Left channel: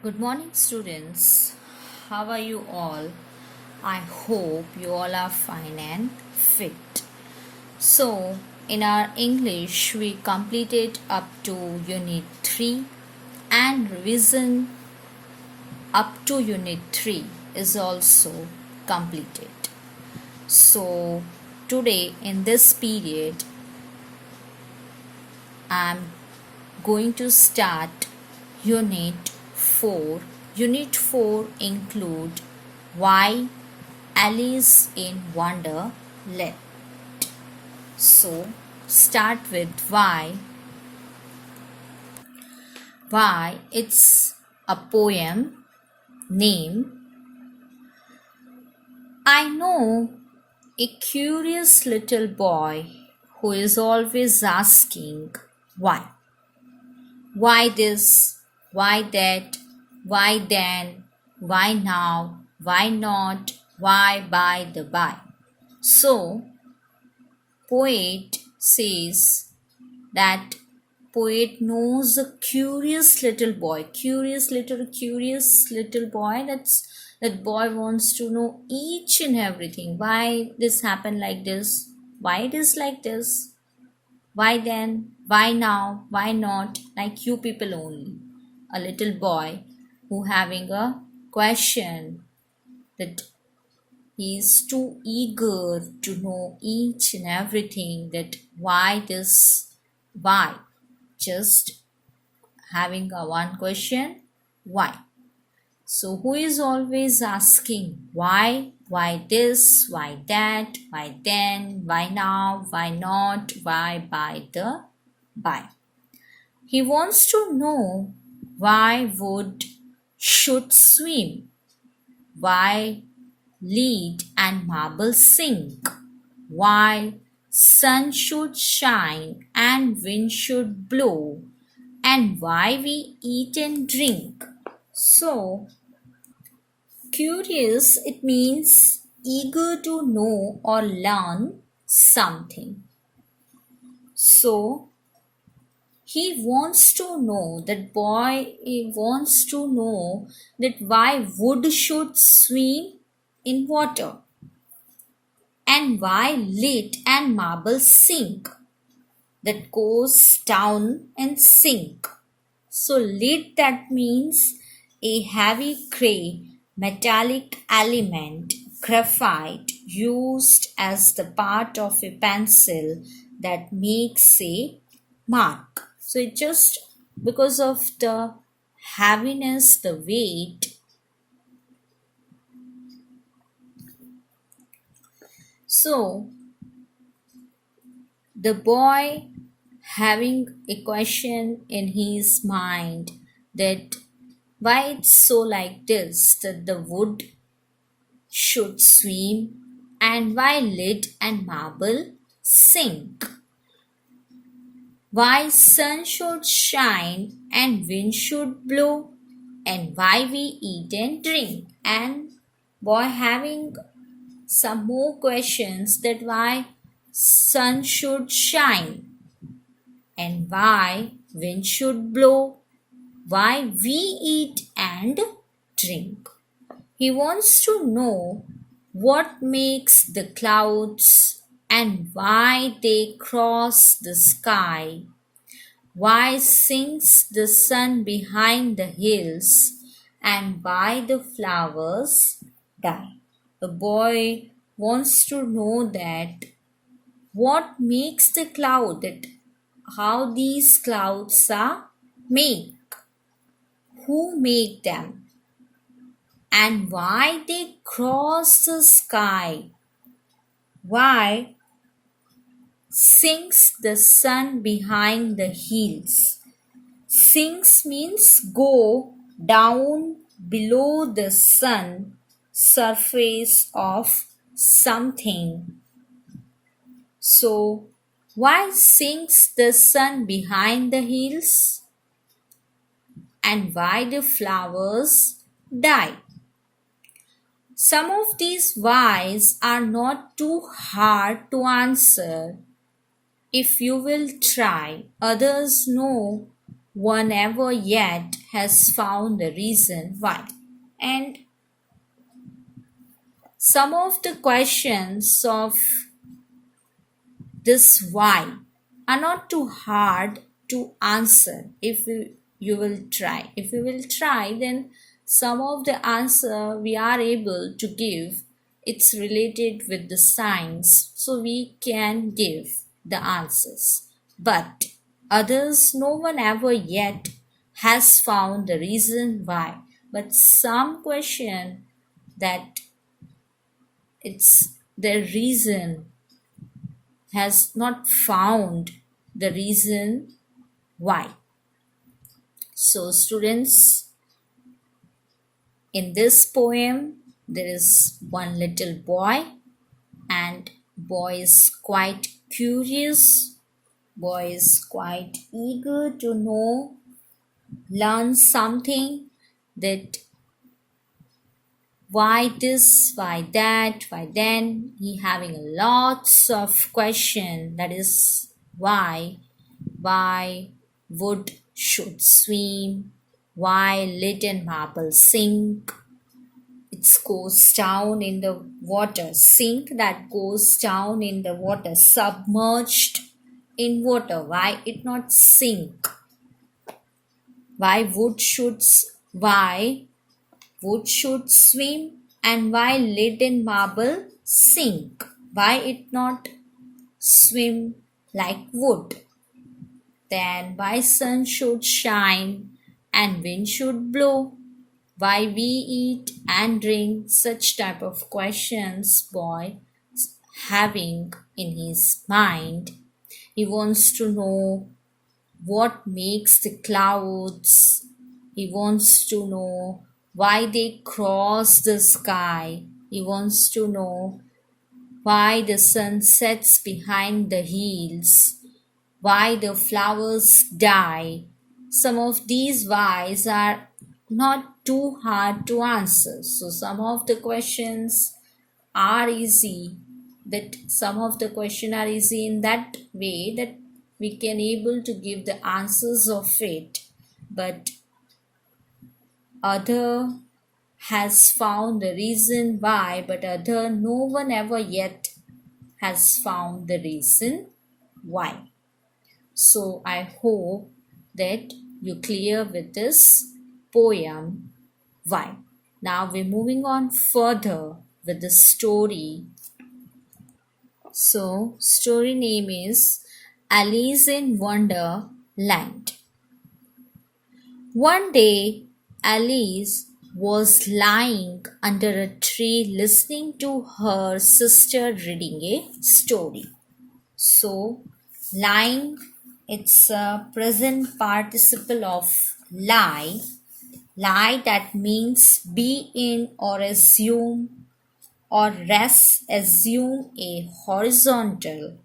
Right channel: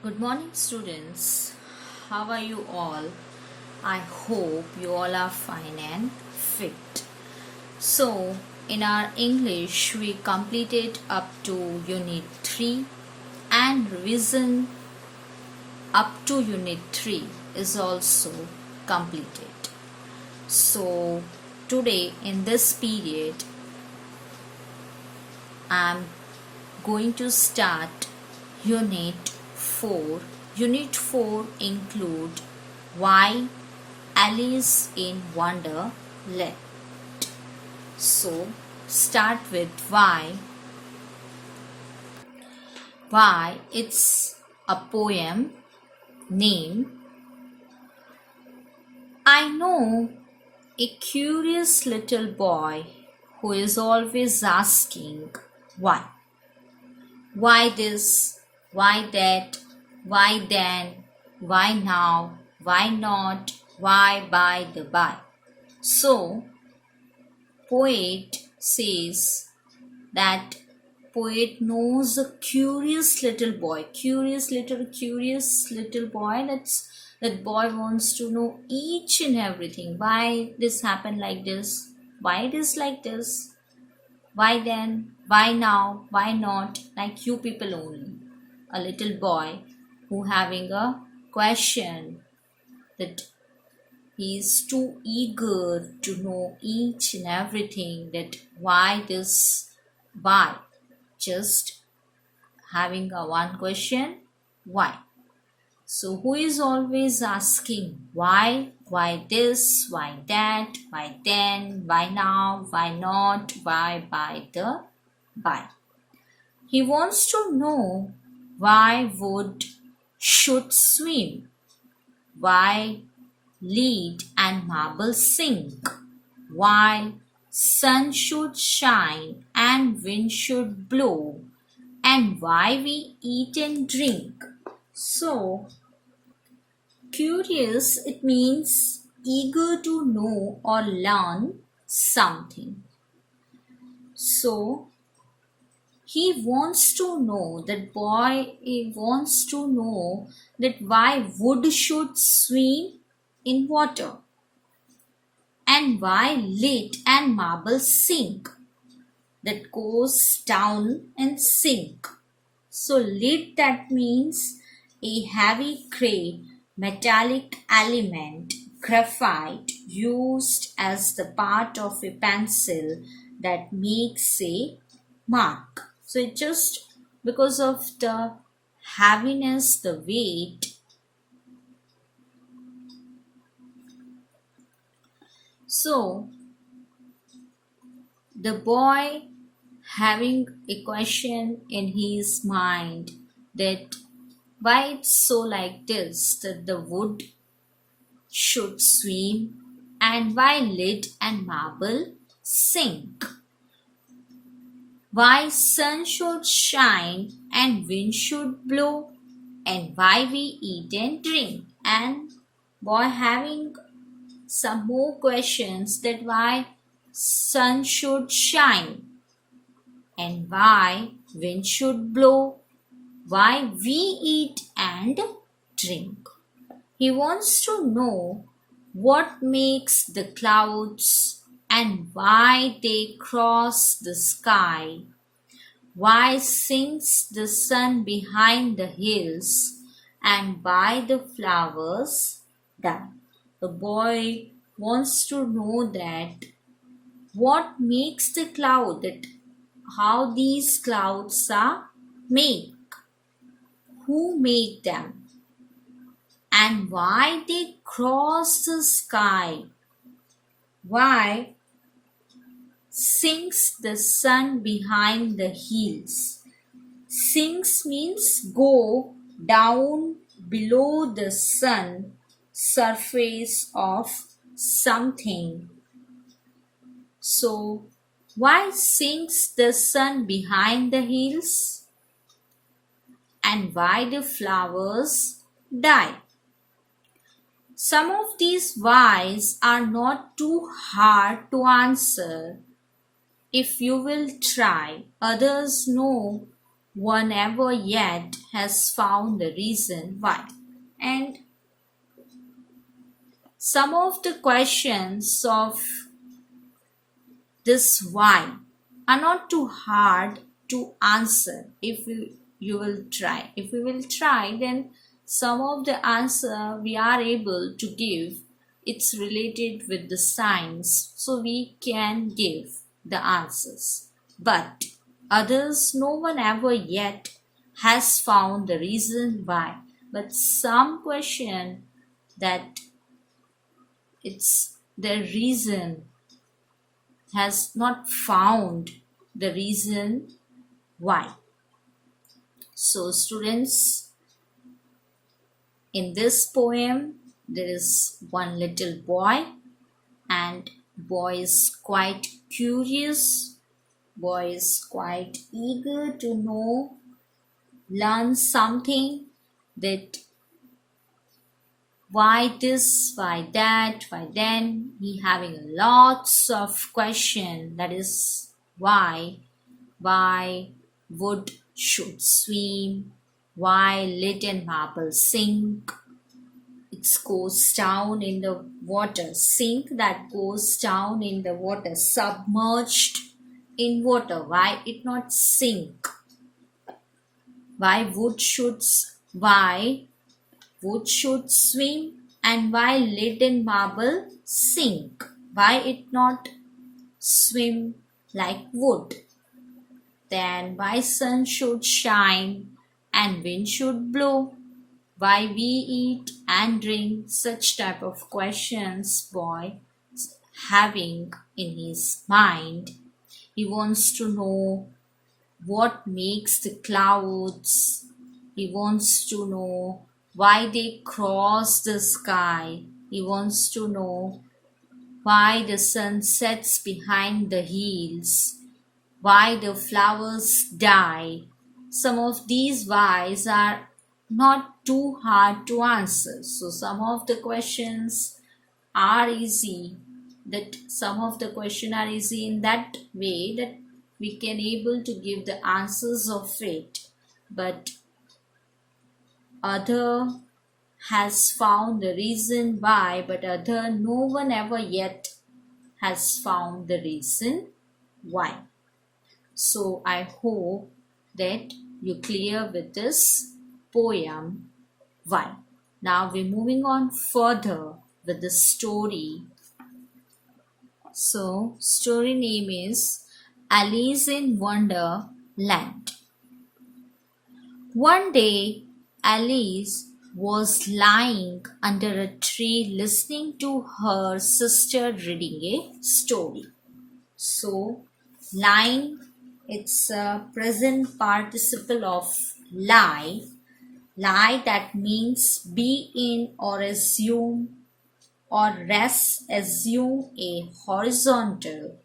Good morning, students. How are you all? I hope you all are fine and fit. So, in our English, we completed up to Unit 3 and revision up to Unit 3 is also completed. So, today in this period, I'm going to start Unit 4. Unit 4 include Why Alice in Wonderland. So, start with why. Why? It's a poem name. I know a curious little boy who is always asking why. Why this? Why that? Why then? Why now? Why not? Why by the by? So, poet says that poet knows a curious little boy. Curious little boy. That boy wants to know each and everything. Why this happened like this? Why it is like this? Why then? Why now? Why not? Like you people only. A little boy who having a question that he is too eager to know each and everything, that why this, why, just having a one question, why. So who is always asking why this, why that, why then, why now, why not, why by the by. He wants to know why wood should swim, why lead and marble sink, why sun should shine and wind should blow, and why we eat and drink. So, curious, it means eager to know or learn something. So, he wants to know, that boy, he wants to know that why wood should swim in water and why lead and marble sink, that goes down and sink. So lead, that means a heavy gray metallic element, graphite, used as the part of a pencil that makes a mark. So it just because of the heaviness, the weight. So the boy having a question in his mind, that why it's so like this, that the wood should swim and why lead and marble sink, why sun should shine and wind should blow, and why we eat and drink. And boy having some more questions, that why sun should shine and why wind should blow, why we eat and drink. He wants to know what makes the clouds and why they cross the sky, why sinks the sun behind the hills, and why the flowers die. The boy wants to know that what makes the cloud, that how these clouds are made, who make them, and why they cross the sky, why sinks the sun behind the hills. Sinks means go down below the sun surface of something. So, why sinks the sun behind the hills? And why the flowers die? Some of these whys are not too hard to answer if you will try. Others know one ever yet has found the reason why. And some of the questions of this why are not too hard to answer if you will try. If you will try, then some of the answer we are able to give, it's related with the science, so we can give the answers. But others, no one ever yet has found the reason why. But some question that it's the reason has not found the reason why. So students, in this poem there is one little boy, and boy is quite curious, boy is quite eager to know, learn something, that why this, why that, why then. He having lots of question, that is why wood should swim, why little marble sink, it goes down in the water, sink that goes down in the water, submerged in water, why it not sink, why wood should swim, and why lead and marble sink, why it not swim like wood. Then why sun should shine and wind should blow, why we eat and drink. Such type of questions boy having in his mind. He wants to know what makes the clouds, he wants to know why they cross the sky, he wants to know why the sun sets behind the hills, why the flowers die. Some of these whys are not too hard to answer. So some of the questions are easy, that some of the questions are easy in that way that we can able to give the answers of it. But other has found the reason why, but other no one ever yet has found the reason why. So I hope that you clear with this poem why. Now we're moving on further with the story. So story name is Alice in Wonderland. One day Alice was lying under a tree listening to her sister reading a story. So lying, it's a present participle of lie. Lie, that means be in or assume or rest, assume a horizontal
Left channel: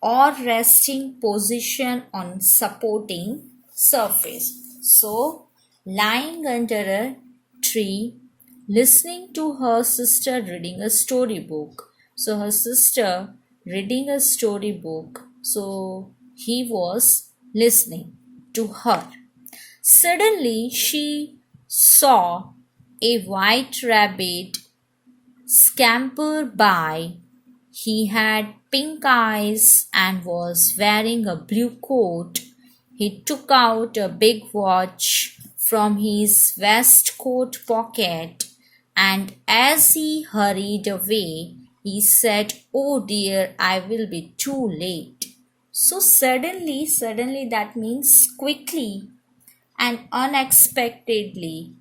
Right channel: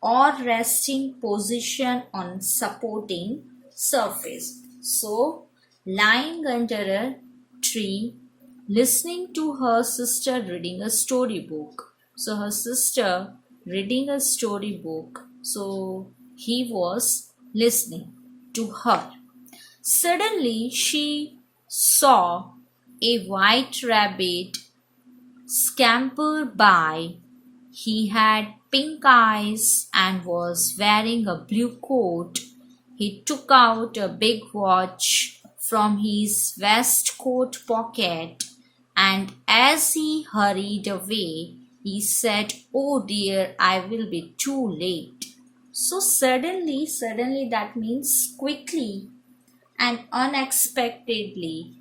or resting position on supporting surface. So lying under a tree listening to her sister reading a storybook. So her sister reading a storybook, so he was listening to her. Suddenly she saw a white rabbit scamper by. He had pink eyes and was wearing a blue coat. He took out a big watch from his waistcoat pocket, and as he hurried away, he said, "Oh dear, I will be too late." So suddenly that means quickly and unexpectedly,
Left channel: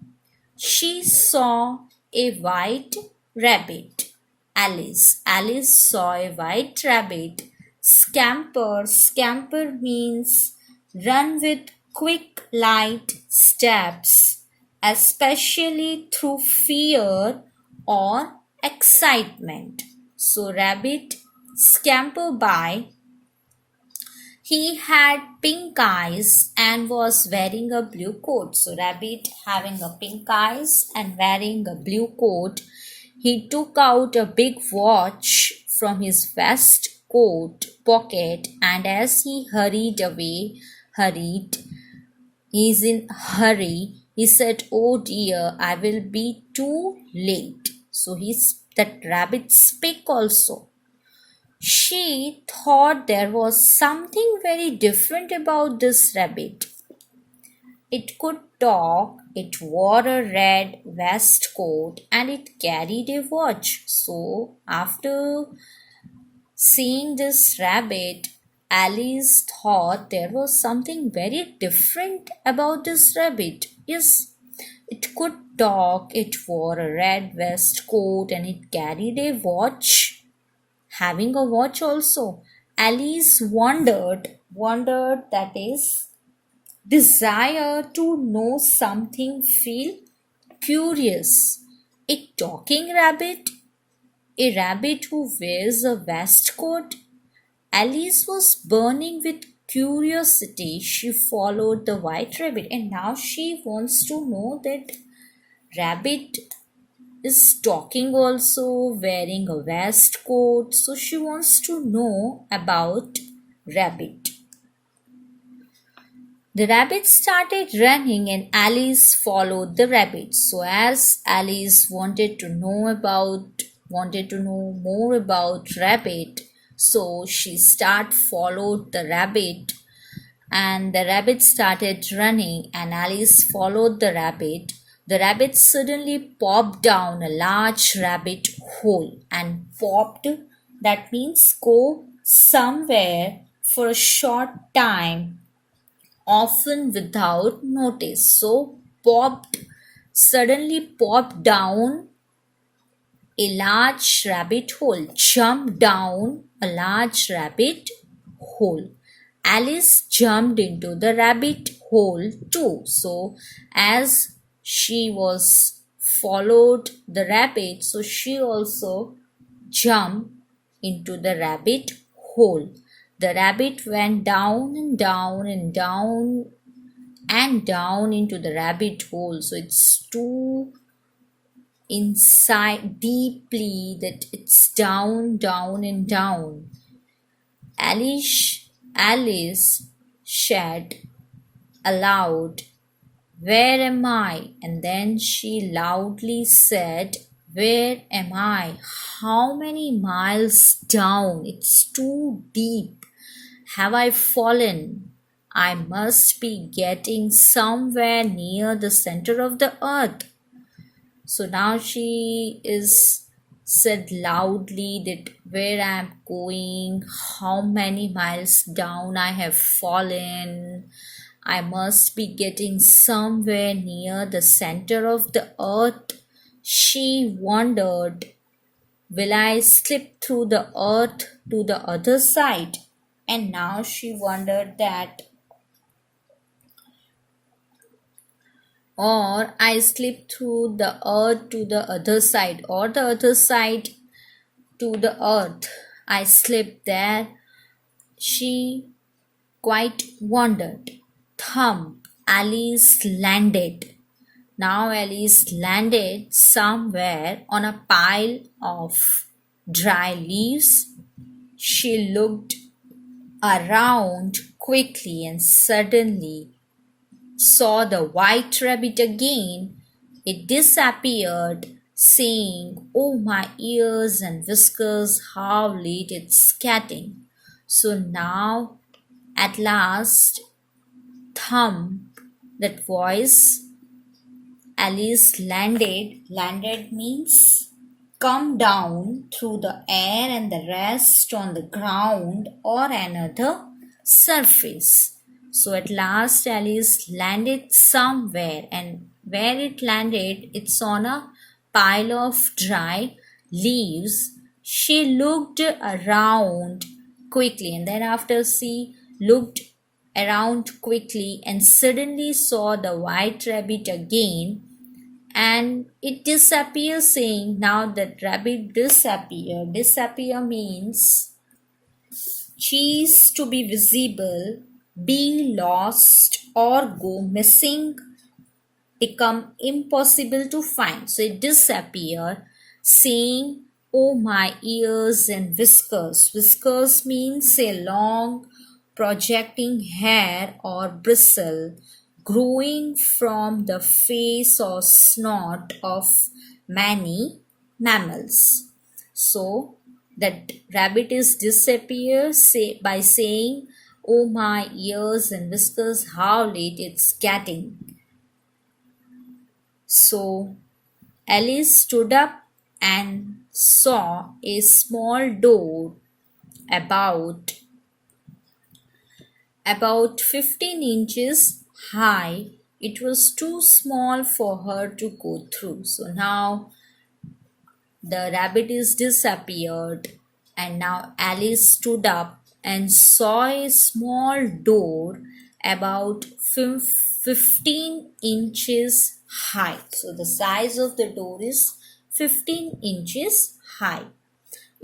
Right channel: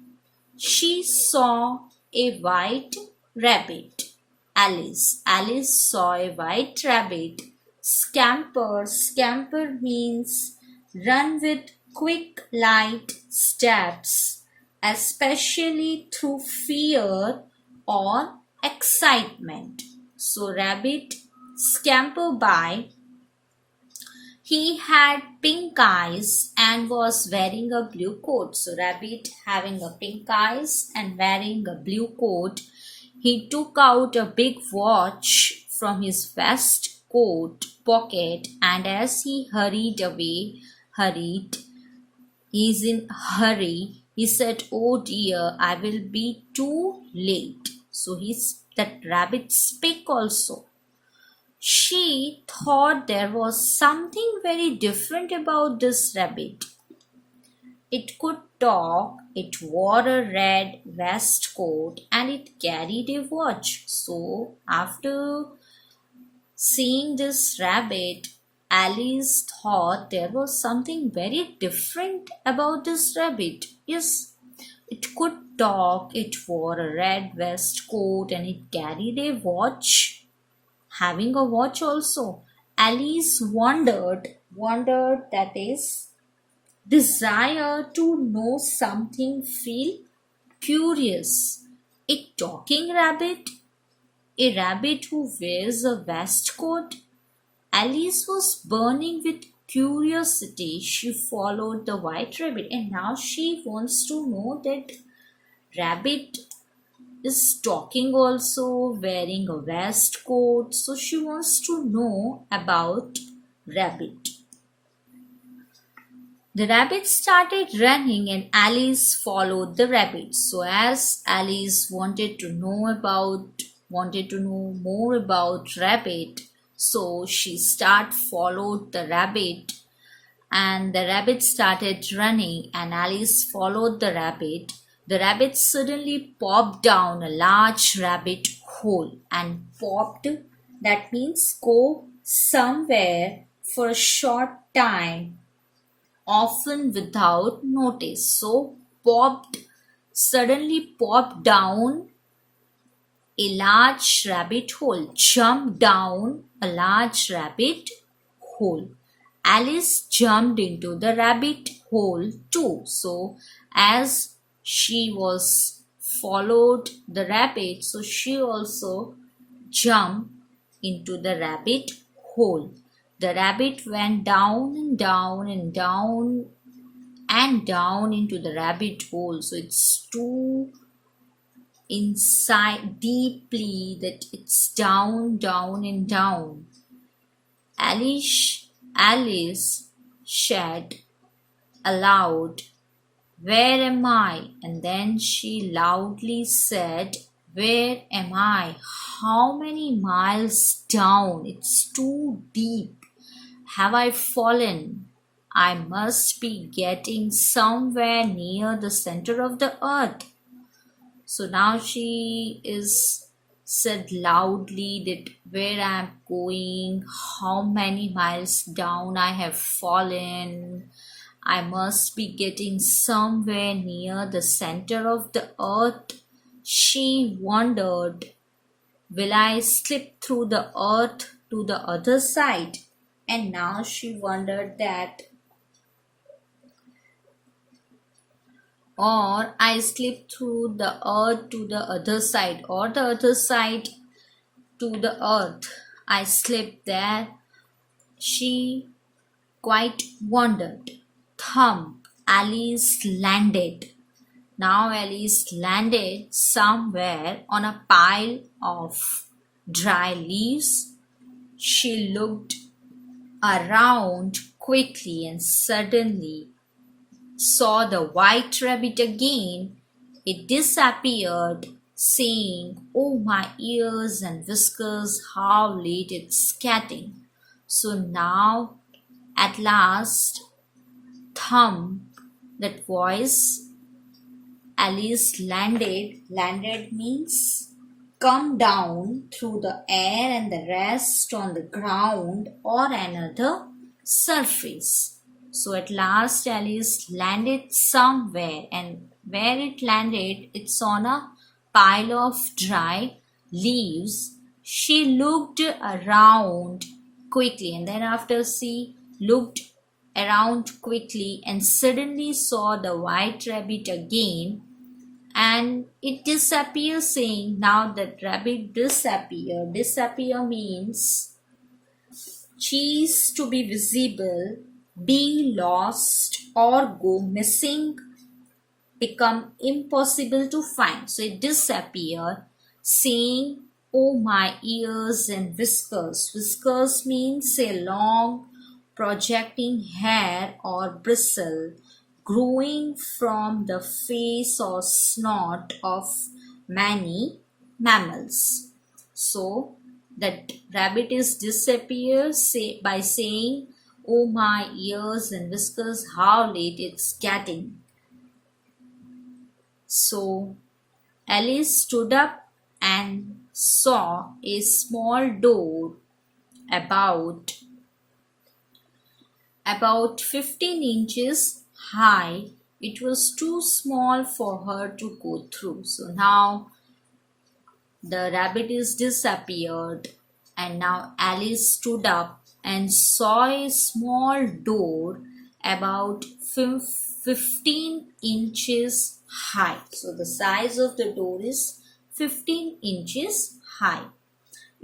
she saw a white rabbit. Alice saw a white rabbit scamper. Scamper means run with quick, light steps, especially through fear or excitement. So rabbit scamper by. He had pink eyes and was wearing a blue coat. So rabbit having a pink eyes and wearing a blue coat. He took out a big watch from his waistcoat pocket, and as he hurried, He's in a hurry. He said, "Oh dear, I will be too late." So that rabbit speak also. She thought there was something very different about this rabbit. It could talk, it wore a red waistcoat, and it carried a watch. So, after seeing this rabbit, Alice thought there was something very different about this rabbit. Yes, it could talk, it wore a red waistcoat, and it carried a watch. Having a watch also. Alice wondered, that is, desire to know something, feel curious. A talking rabbit? A rabbit who wears a waistcoat? Alice was burning with curiosity. She followed the white rabbit, and now she wants to know that rabbit is talking also, wearing a waistcoat. So she wants to know about rabbit. The rabbit started running and Alice followed the rabbit. So as Alice wanted to know more about rabbit, so she followed the rabbit, and the rabbit started running and Alice followed the rabbit. The rabbit suddenly popped down a large rabbit hole, and popped, that means go somewhere for a short time, often without notice. So suddenly popped down a large rabbit hole, jumped down a large rabbit hole. Alice jumped into the rabbit hole too. So as she was followed the rabbit, so she also jumped into the rabbit hole. The rabbit went down and down and down and down into the rabbit hole. So it's too inside deeply that it's down, down and down. Alice said aloud, "Where am I?" And then she loudly said, "Where am I? How many miles down? It's too deep. Have I fallen? I must be getting somewhere near the center of the earth." So now she is said loudly that where I am going, how many miles down I have fallen. I must be getting somewhere near the center of the earth. She wondered, will I slip through the earth to the other side? And now she wondered that, or I slip through the earth to the other side, or the other side to the earth. I slip there. She quite wondered. Thump, Alice landed. Now Alice landed somewhere on a pile of dry leaves. She looked around quickly and suddenly saw the white rabbit again. It disappeared, saying, "Oh, my ears and whiskers, how late it's getting." So now, at last, Thump, that voice, Alice landed. Landed means come down through the air and the rest on the ground or another surface. So at last Alice landed somewhere, and where it landed, it's on a pile of dry leaves. She looked around quickly, and then after she looked around quickly and suddenly saw the white rabbit again, and it disappeared, saying, now that rabbit disappeared. Disappear means cease to be visible, be lost, or go missing, become impossible to find. So it disappeared, saying, "Oh, my ears and whiskers." Whiskers means a long projecting hair or bristle. growing from the face or snout of many mammals. So that rabbit is disappears by saying, "Oh my ears and whiskers, how late it's getting." So Alice stood up and saw a small door about 15 inches high. It was too small for her to go through. So now the rabbit is disappeared, and now Alice stood up and saw a small door about 15 inches high. So the size of the door is 15 inches high.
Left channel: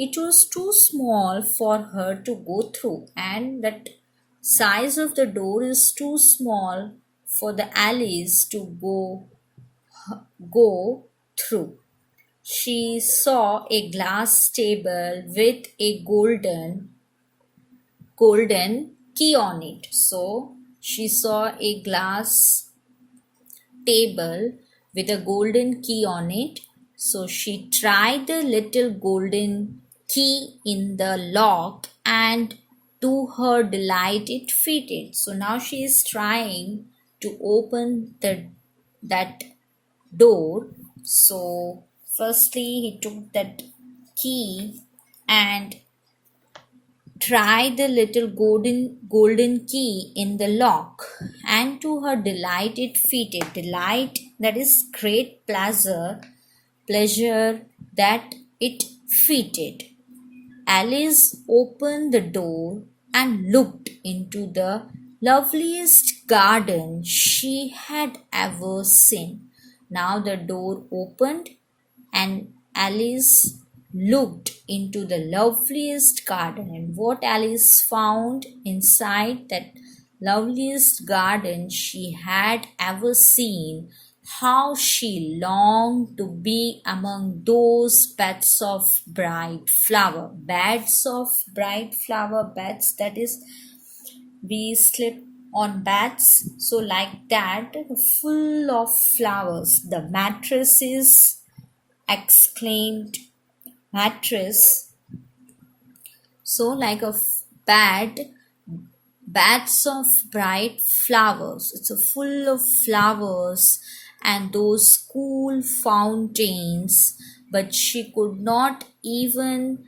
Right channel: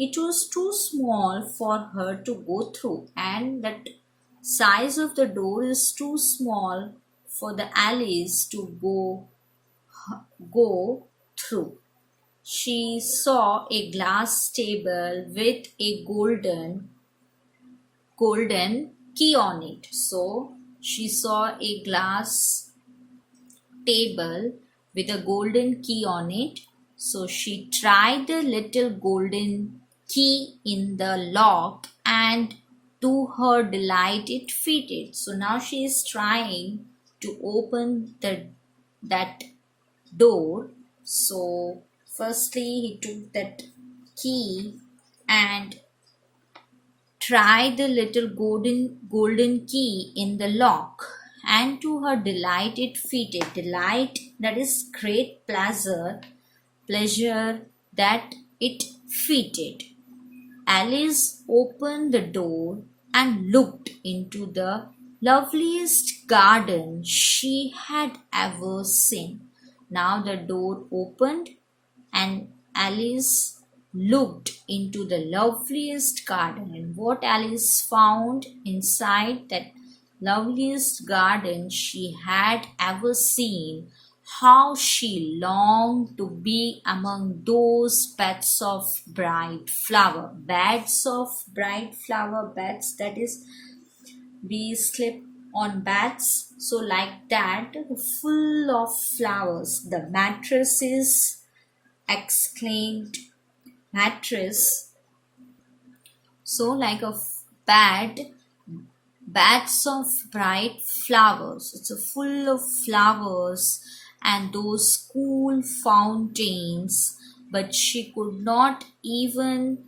It was too small for her to go through, and that size of the door is too small for the Alice to go through. She saw a glass table with a golden key on it. So she saw a glass table with a golden key on it. So she tried the little golden key in the lock, and to her delight it fitted. So now she is trying to open that door. So firstly he took that key and tried the little golden key in the lock, and to her delight it fitted. Delight, that is great pleasure that it fitted. Alice opened the door and looked into the loveliest garden she had ever seen. Now the door opened and Alice looked into the loveliest garden, and what Alice found inside that loveliest garden she had ever seen, how she longed to be among those beds of bright flower. Beds, that is, we sleep on beds, so like that, full of flowers. The mattresses, exclaimed mattress, so like a beds of bright flowers. It's a full of flowers and those cool fountains, but she could not even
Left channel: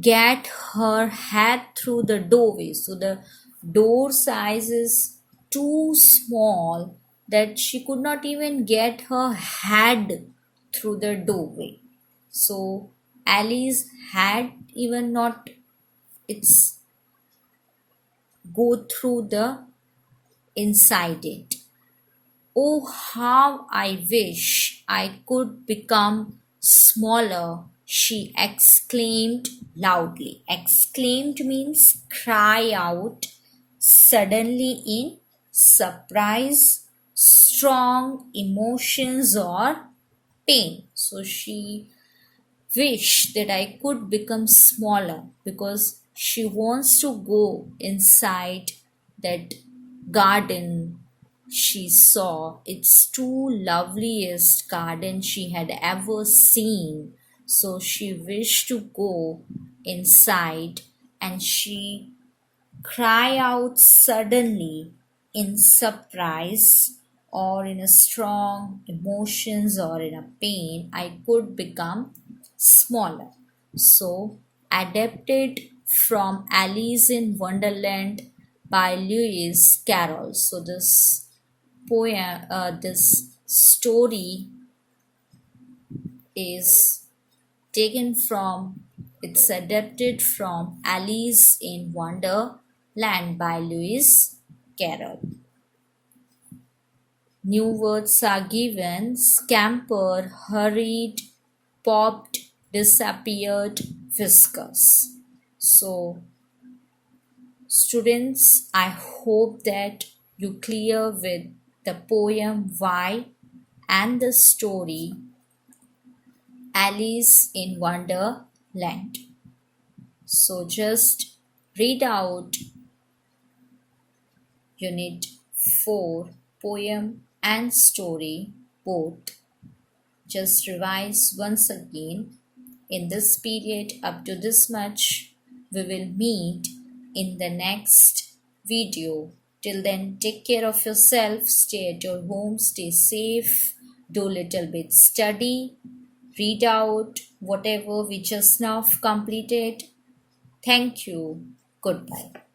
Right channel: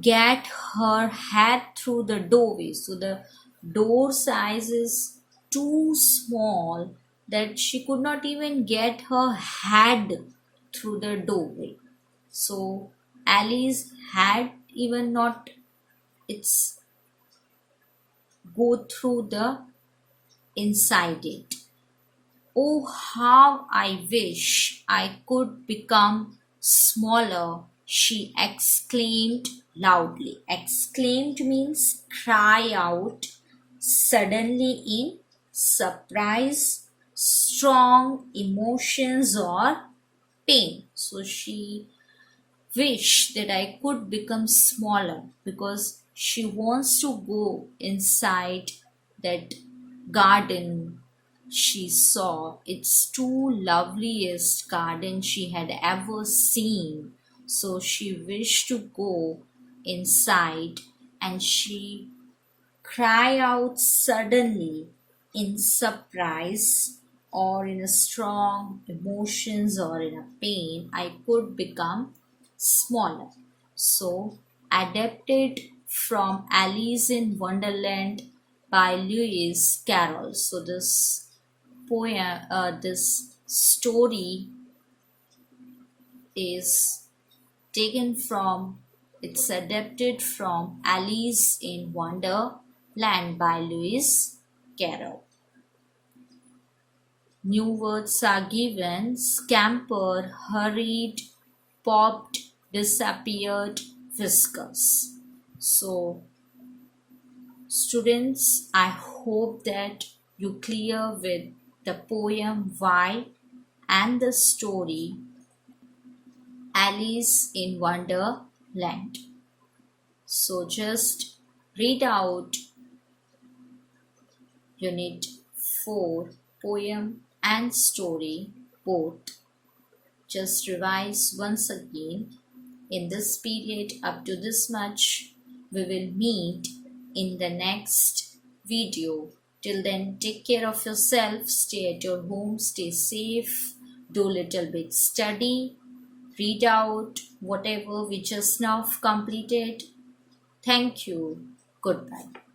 get her head through the doorway. So the door size is too small that she could not even get her head through the doorway. So Alice had even not its go through the inside it. "Oh, how I wish I could become smaller," she exclaimed loudly. Exclaimed means cry out suddenly in surprise, strong emotions, or pain. So she wished that I could become smaller because she wants to go inside that garden she saw. It's too loveliest garden she had ever seen. So she wished to go inside, and she cried out suddenly in surprise or in a strong emotions or in a pain, "I could become smaller." So adapted from Alice in Wonderland by Lewis Carroll. So this this story is taken from, it's adapted from Alice in Wonderland by Lewis Carroll. New words are given: scamper, hurried, popped, disappeared, whiskers. So students, I hope that you clear with the poem Why and the story Alice in Wonderland. So just read out unit 4 poem and story both. Just revise once again. In this period up to this much, we will meet in the next video. Till then, take care of yourself, stay at your home, stay safe, do little bit study, read out whatever we just now completed. Thank you. Goodbye.